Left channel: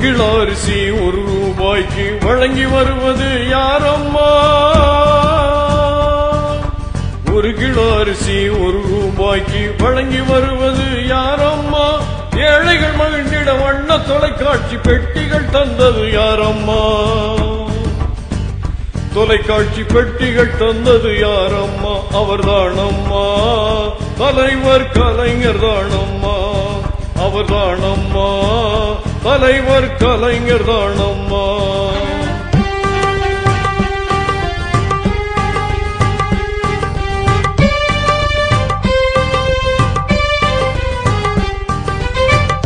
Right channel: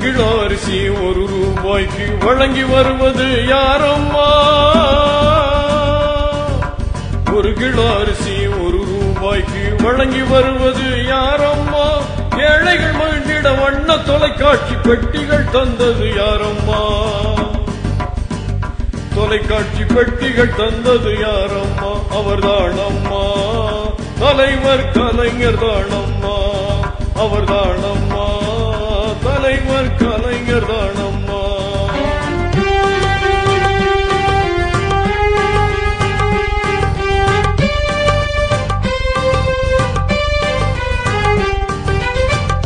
Kilo அரிசி ₹1 வழங்கி வருவது யாரம்மா? 1 கிலோ அரிசி ₹1 வழங்கி வருவது யாரம்மா? ஏழைகள் மகிழ்ந்திட வண்ண தொலைக்காட்சி பெட்டிகள் தந்தது யாரம்மா? தொலைக்காட்சி பெட்டிகள் தந்தது யாரம்மா? அவர்தானம்மா தலைவர் கலைஞர் தானம்மா. அவர்தானம்மா தலைவர் கலைஞர் தானம்மா.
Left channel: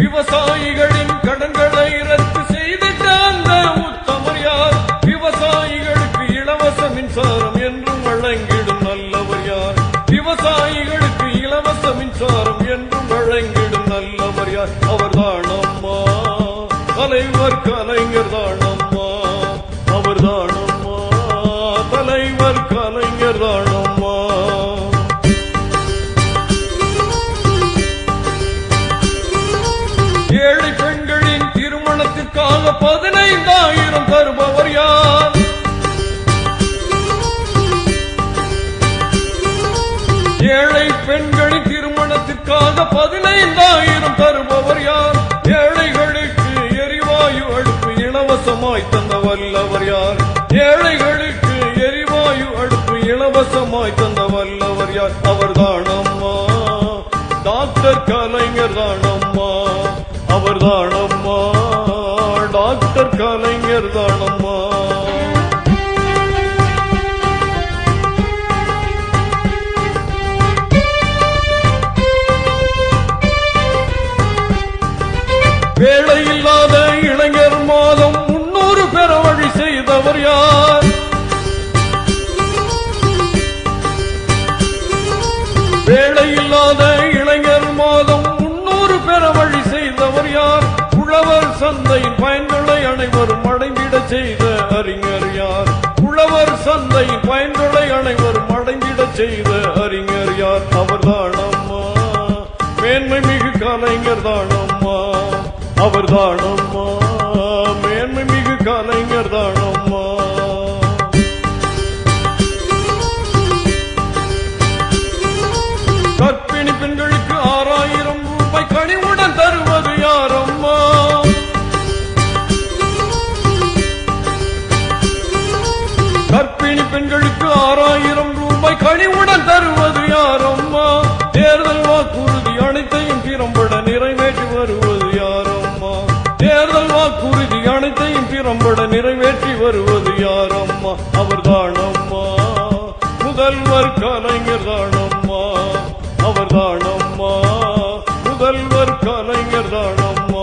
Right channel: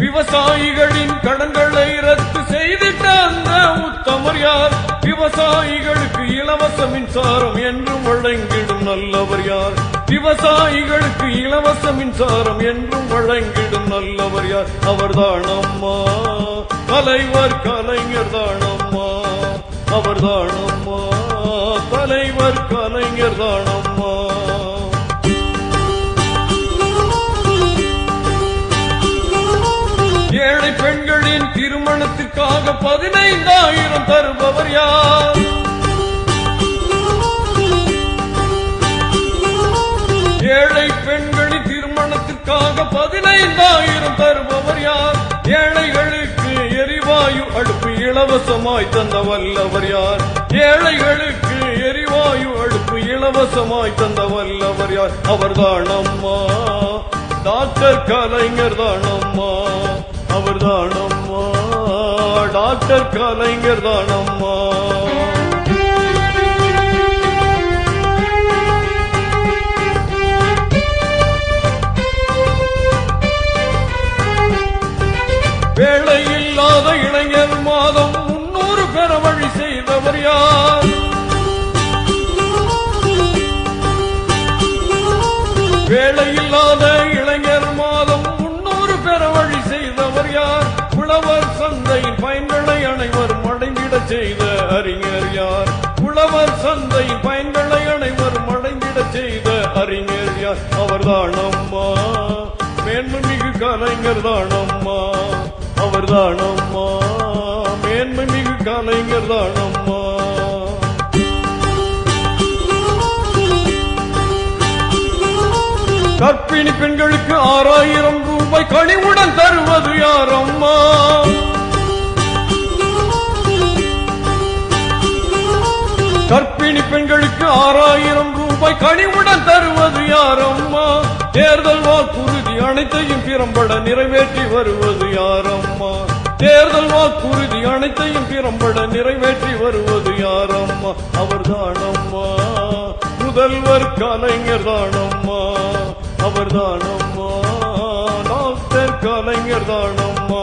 விவசாயிகளின் கடன்களை ரத்து செய்திட்ட அந்த உத்தமர் யார்? விவசாயிகளுக்கு இலவச மின்சாரம் என்று வழங்கிடும் நல்லவர் யார்? விவசாயிகளுக்கு இலவச மின்சாரம் என்று வழங்கிடும் நல்லவர் யார்? அவர்தானம்மா தலைவர் கலைஞர் தானம்மா. அவர்தானம்மா தலைவர் கலைஞர் தானம்மா. ஏழை பெண்களின் திருமணத்திற்காக 15,000 தருபவர் யார்? ஏழை பெண்களின் திருமணத்திற்காக 15,000 தருபவர் யார்? ஏழைகளுக்கு எரிவாயு அடுப்பு இலவசமாய் தந்த வல்லவர் யார்? ஏழைகளுக்கு எரிவாயு அடுப்பு இலவசமாய் தந்த வல்லவர் யார்? அவர்தானம்மா டாக்டர் கலைஞர் தானம்மா. அவர்தானம்மா டாக்டர் கலைஞர் தானம்மா. வேலையில்லாத இளைஞர் மாதம் 300 பெற வழி செய்தவர் யார்? வேலையில்லாத இளைஞர் மாதம் 300 பெற வழி செய்தவர் யார்? உழவர் சந்தை பயன்களை அனைவரும் அடங்கிட செய்த அறிஞர் யார்? உழவர் சந்தை பயன்களை அனைவரும் அடங்கிட செய்த அறிஞர் யார்? அவர்தானம்மா மேன்மை மிகு கலைஞர் தானம்மா. அவர்தானம்மா மேன்மை மிகு கலைஞர் தானம்மா. கர்ப்பிணி பெண்களுக்கு ₹6,000 கனிவுடன் தருவது யாரம்மா? கர்ப்பிணி பெண்களுக்கு ₹6,000 கனிவுடன் தருவது யாரம்மா? தேர்தல் வாக்குறுதி அனைத்தையும் திறம்பட நிறைவேற்றி வருவது யாரம்மா? தேர்தல் வாக்குறுதி அனைத்தையும் திறம்பட நிறைவேற்றி வருவது யாரம்மா? அவர்தானம்மா முதல்வர் கலைஞர் தானம்மா. அவர்தானம்மா முதல்வர் கலைஞர் தானம்மா.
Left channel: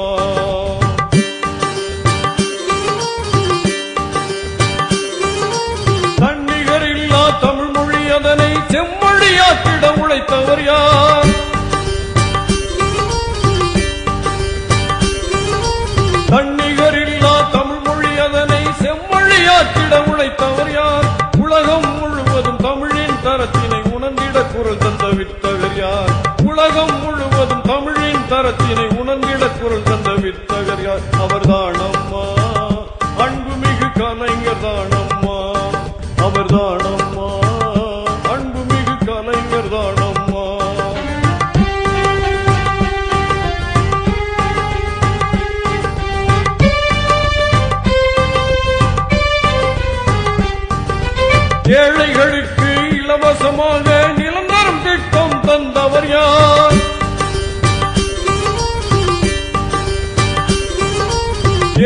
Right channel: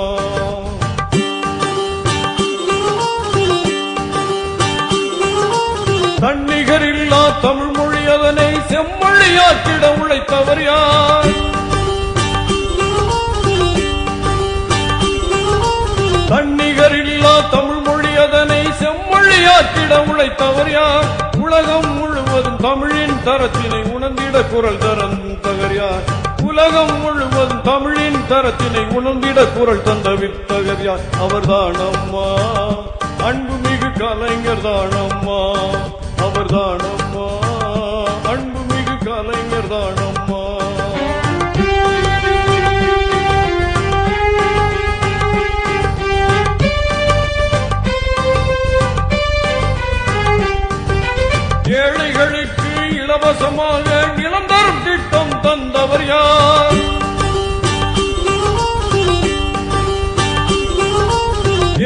தன்னிகரில்லா தமிழ் மொழி அதனை செம்மொழியாக்கிட உழைத்தவர் யார்? தன்னிகரில்லா தமிழ் மொழி அதனை செம்மொழியாக்கிட உழைத்தவர் யார்? உலகம் முழுவதும் தமிழின் தரத்தினை உணர்ந்திட குரல் தரவின் தகர் யார்? உலகம் முழுவதும் தமிழின் தரத்தினை உணர்ந்திட குரல் தந்த வித்தகர் யார்? அவர்தானம்மா அன்புமிகு கலைஞர் தானம்மா. அவர்தானம்மா அன்புமிகு கலைஞர் தானம்மா. ஏழைகளுக்கு இலவசமாக நிலம் தரும் திட்டம் தந்தவர் யார்?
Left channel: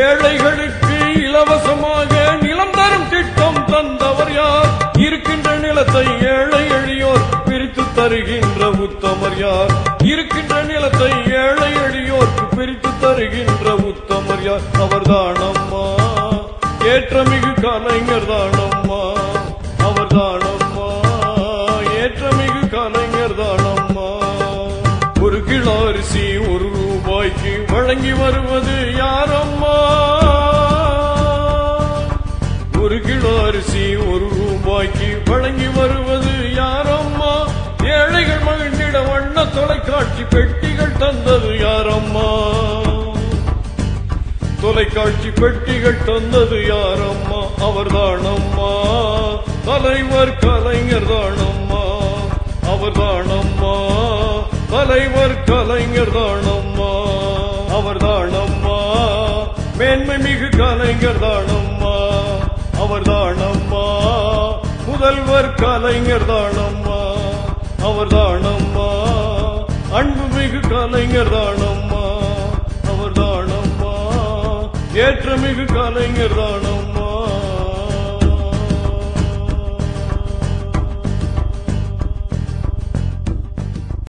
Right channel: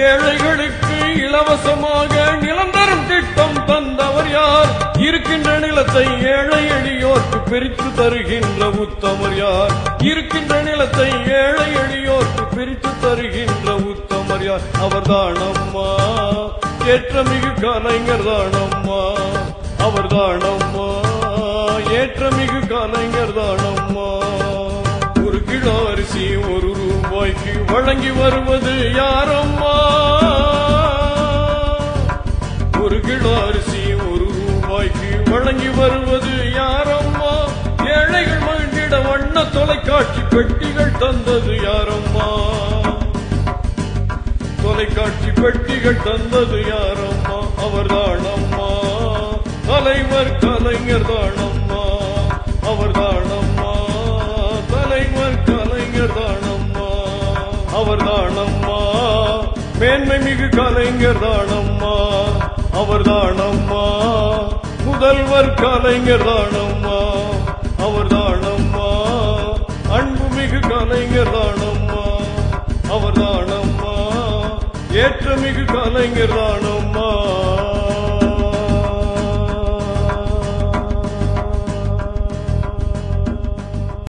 ஏழைகளுக்கு இலவசமாக நிலம் தரும் திட்டம் தந்தவர் யார்? இருக்கின்ற நிலத்தை ஏழை எளியோர்க்கு பிரித்து தருகின்ற உத்தமர் யார்? இருக்கின்ற நிலத்தை ஏழை எளியோர்க்கு பிரித்து தருகின்ற உத்தமர் யார்? அவர்தானம்மா ஏற்றமிகு கலைஞர் தானம்மா. அவர்தானம்மா ஏற்றமிகு கலைஞர் தானம்மா. 1 கிலோ அரிசி ₹1 வழங்கி வருவது யாரம்மா? 1 கிலோ அரிசி ₹1 வழங்கி வருவது யாரம்மா? ஏழைகள் மகிழ்ந்திட வண்ண தொலைக்காட்சி பெட்டிகள் தந்தது யாரம்மா? தொலைக்காட்சி வெற்றிகள் தந்தது யாரம்மா? அவர்தானம்மா தலைவர் கலைஞர் தானம்மா. அவர்தானம்மா தலைவர் கலைஞர் தானம்மா. அவர்தானம்மா மேன்மை மிகு கலைஞர் தானம்மா. அவர்தானம்மா முதல்வர் கலைஞர் தானம்மா. அவர்தானம்மா அன்பு மிகு கலைஞர் தானம்மா.